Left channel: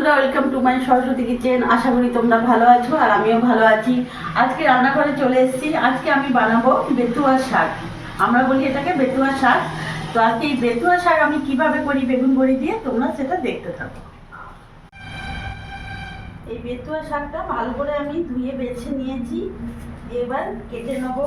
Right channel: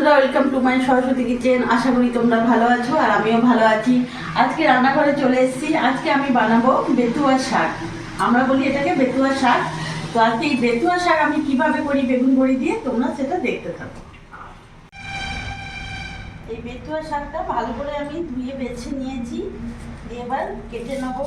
বন্ধুরা, welcome to my Saraswati kitchen. আশা করি তোমরা ভালো আছো আর আমিও ভালো আছি। আজকে রান্নাঘরে চলে এসেছি। আজকে আমি বানাবো বেতুয়া শাক। আমরা বলি এটাকে বেতুয়া শাক। তো আজকে এই বেতুয়া শাক আমি কিভাবে করি বেগুন বড়ি দিয়ে, তোমরা সেটা দেখতে থাকো। এই বেতুয়া শাকটা ভালো করে আমি ধুয়ে বেছে নিয়েছি, এবার কেটে নেবো।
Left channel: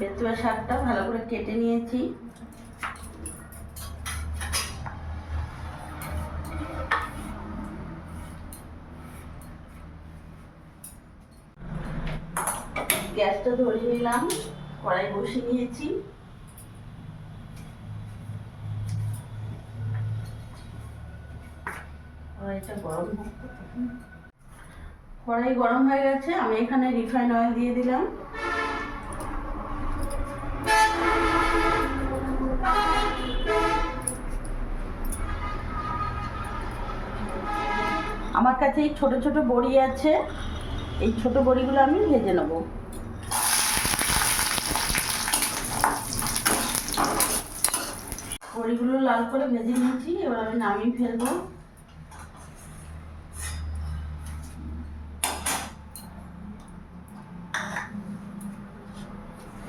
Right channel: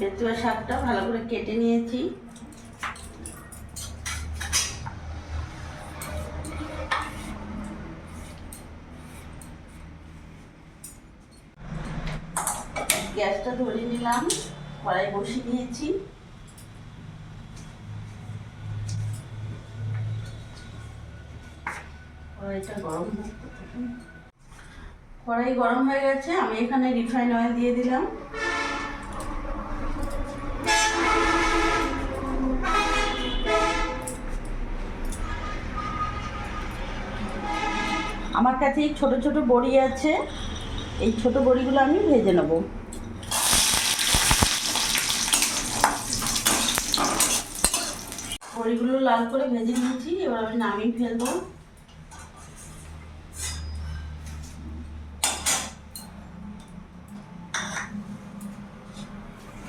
বেতুয়া শাকটা ভালো করে কেটে নিয়েছি। গ্যাসটা ধরে নিলাম, কড়াই বসিয়ে নিয়েছি। কড়াই গরম হয়ে গেছে, আমি এখানে রিফাইন অয়েল দিয়ে দিলাম। আমার কাছে এই ছোট ছোট বড়ি আছে, এই ছোট বড়িগুলো আমি ভেজে নেব। বড়িগুলো লাল করে ভেজে নিয়েছি, এবার আমি নামিয়ে ফেলবো।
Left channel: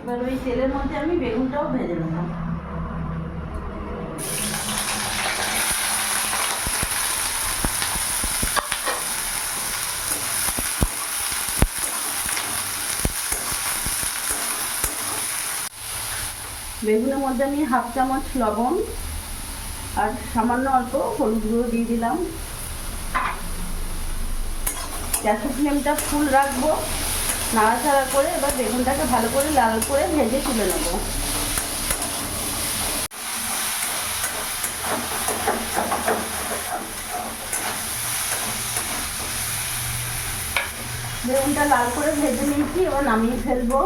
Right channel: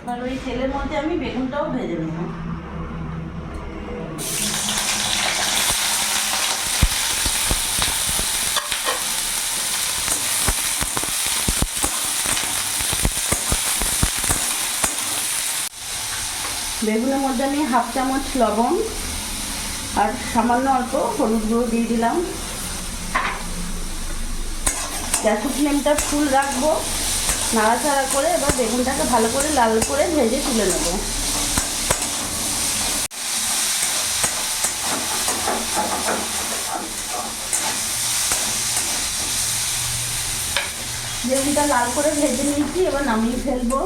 এবার ওই তেলের মধ্যে আমি বেগুনটাও ভেজে নেব। বেগুনের মধ্যে আমি হাফ চামচ লবণ আর সামান্য অল্প হলুদ গুঁড়ো দিয়ে দিলাম। গ্যাসের ফ্লেমটা ফুল রাখবো, নাড়াচাড়া করে এবার বেগুনটাকে ভালো করে লাল করে ভেজে তুলে নেব। বেগুনটা লাল করে ভেজে নিয়েছি, এবার নামিয়ে ফেলবো।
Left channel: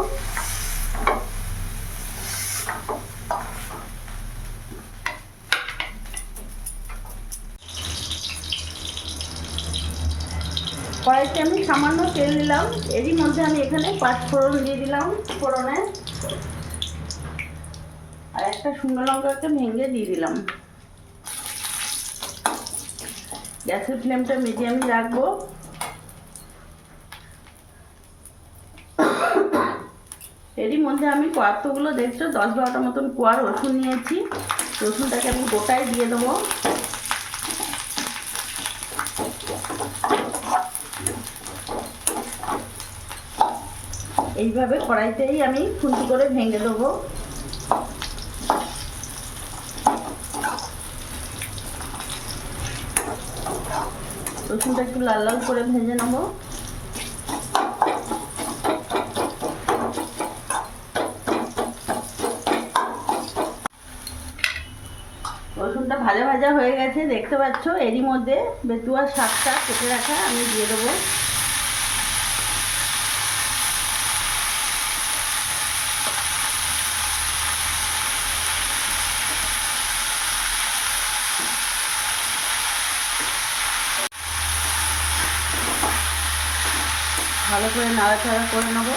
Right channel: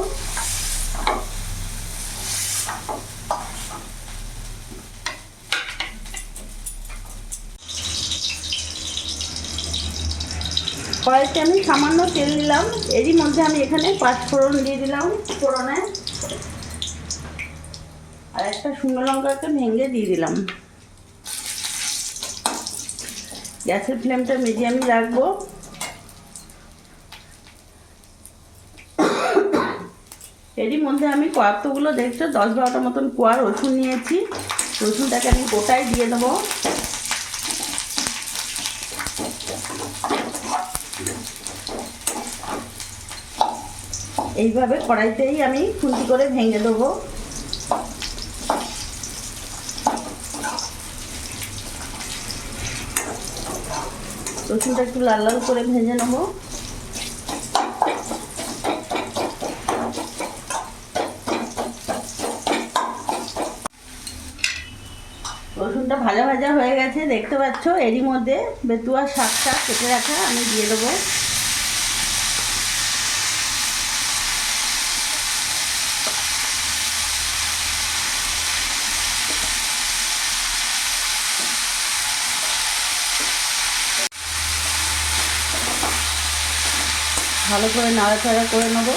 কড়াইতে আমি সামান্য তেল দিলাম, এরই মধ্যে আমি এখানে 5 ফোড়ন দিয়ে দিলাম। ফোড়নে আর একটা শুকনো লঙ্কাকে ভেঙে দিয়ে দিলাম। গ্যাসের ফ্লেমটা মিডিয়ামে রাখবো। এরই মধ্যে আমি কতগুলো দেখছো 10-12টা মতন কোয়া রসুন নিয়েছি। রসুনটাকে আমি গোটায় দিয়ে দেবো। এইভাবে কড়াইতেই আমি খুন্তি করে ভেঙে দেবো। রসুনটা একটু লাল লাল করে ভেজে নেব। রসুনটা ভাজা ভাজা হয়ে গেছে, দেখতে পাচ্ছ। এরই মধ্যে বেতুয়া শাকটা কেটে রাখা আমি দিয়ে দেবো। ভালো করে নাড়াচাড়া করে নেব।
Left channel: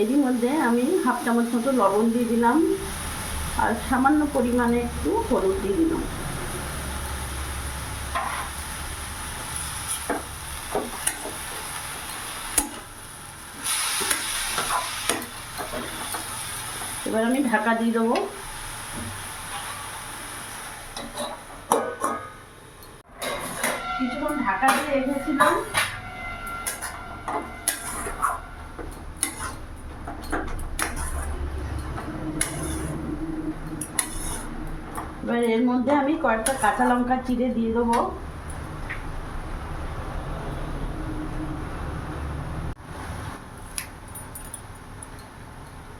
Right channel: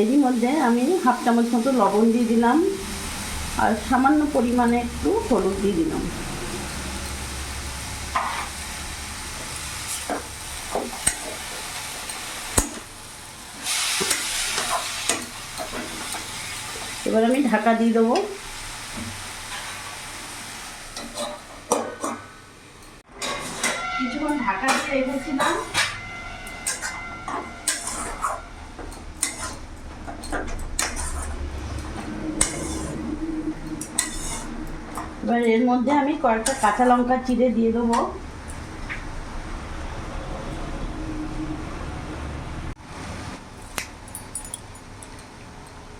এরই মধ্যে আমি হাফ চামচ মতো লবণ দিয়ে দিলাম আর সামান্য পরিমাণে একটু হলুদ দিয়ে দিলাম। এবার আমি ঢাকা দিয়ে দেবো। কিছুক্ষণ ঢাকা দিয়ে রেখেছিলাম, এবার এর মধ্যে আমি কয়েকটা কাঁচা লঙ্কা চিড়ে দিয়ে দেবো।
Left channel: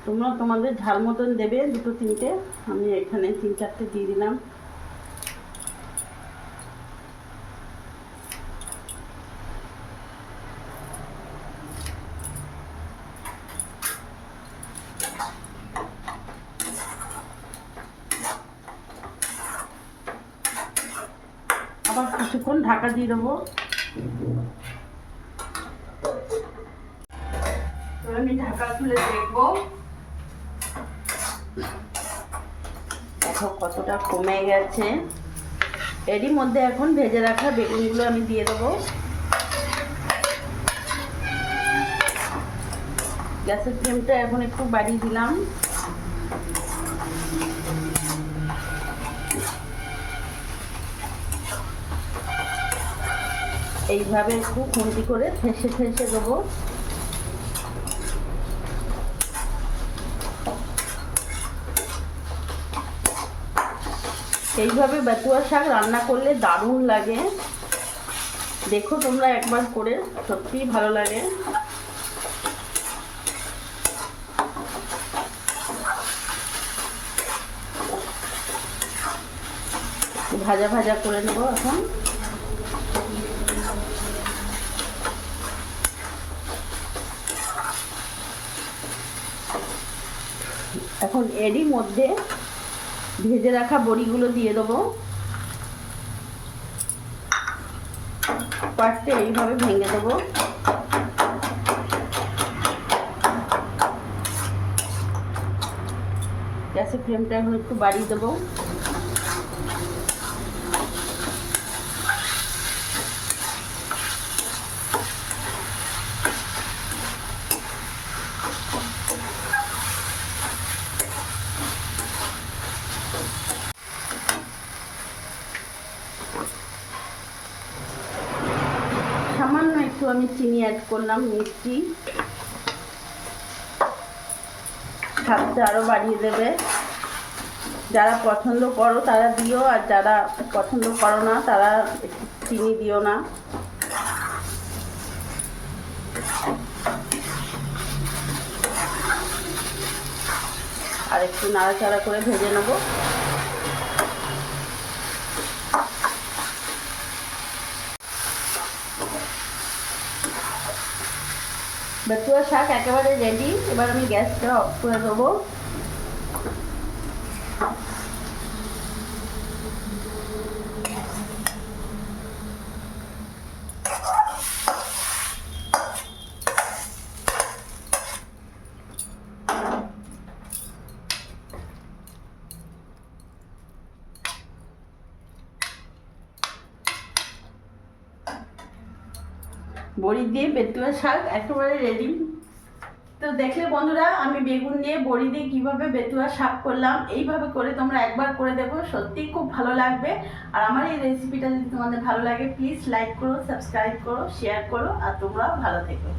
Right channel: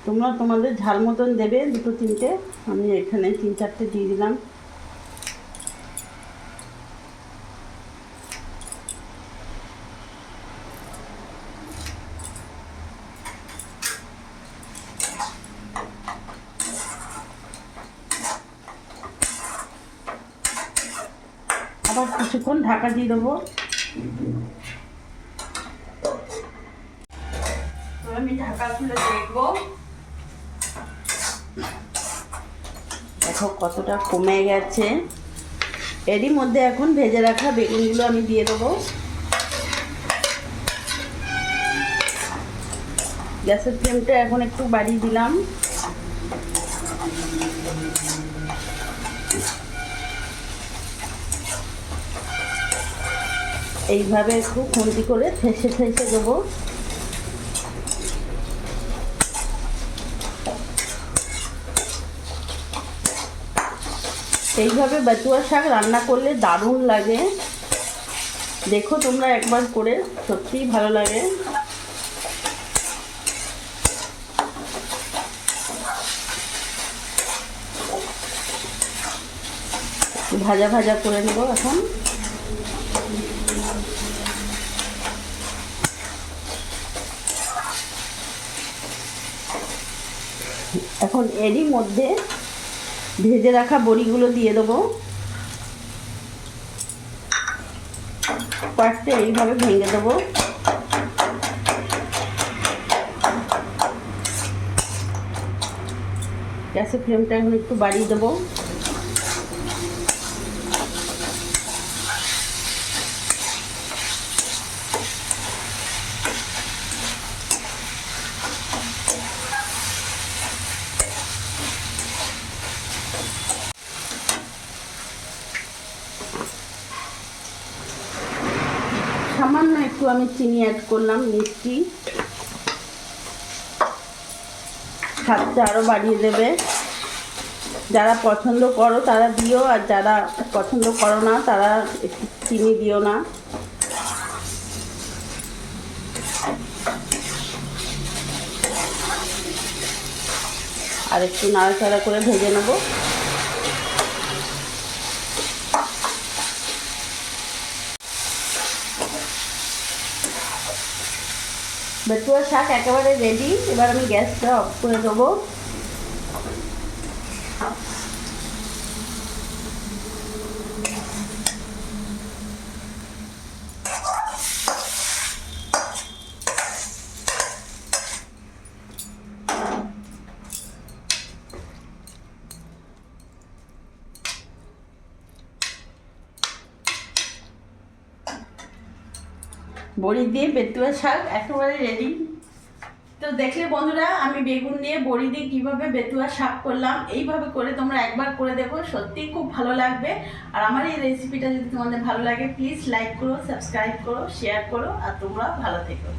তোমরা তোমাদের ঝাল মতন দেবে, 2-3টে, আমি এখানে 3-4টে দিয়ে দিলাম। আবার কিছুক্ষণ ঢাকা দিয়ে দেবো। আমি ঢাকা খুলে দেখবো, দেখো কতটা কমে গেছে। এরই মধ্যে এখন ভেজে রাখা বেগুনগুলো আমি দিয়ে দেবো। গ্যাসের ফ্লেমটা এখন একটু বাড়িয়ে দিলাম। এইভাবে একটু খুন্তি করে ঠেসে ঠেসে দেবো। এইভাবে বেতুয়া শাক রান্না করলে দারুণ লাগে। দেখো তোমরা একবার করে, সত্যিই ভালো লাগে। ভাজা ভাজা করে নেবো এখন। এখন এরই মধ্যে ভেজে রাখা বড়িগুলো দিয়ে দেবো। কয়েকটা এইভাবে ভেঙে দেবো। গ্যাসের ফ্লেমটা এখন একটু বাড়িয়ে দেবো। সামান্য একটু আমি চিনি অ্যাড করলাম, মিষ্টি, স্বাদটা আরও বাড়িয়ে দেবে। যারা পছন্দ করো তারা দিও, আর যারা পছন্দ করো না তারা একটু চিনি দিও না। আর একটু নাড়াচাড়া করে ভেজে নেবো। বেতুয়া শাক একেবারে রেডি। এবার আমি গ্যাসটা অফ করে দেবো। বড়ি দিয়ে বেতুয়া শাক একেবারে রেডি। তো দেখলে বন্ধুরা, আমি বেগুন দিয়ে বড়ি দিয়ে কীভাবে বেতুয়া শাক করলাম। এইভাবে করে তোমরা একবার করে দেখো, সত্যিই খুব ভালো লাগবে। আর আমার এই রেসিপিটা যদি তোমাদের ভালো লাগে, প্লিজ লাইক করো, সাবস্ক্রাইব করো, শেয়ার করো, আর তোমরা ভালো থেকো।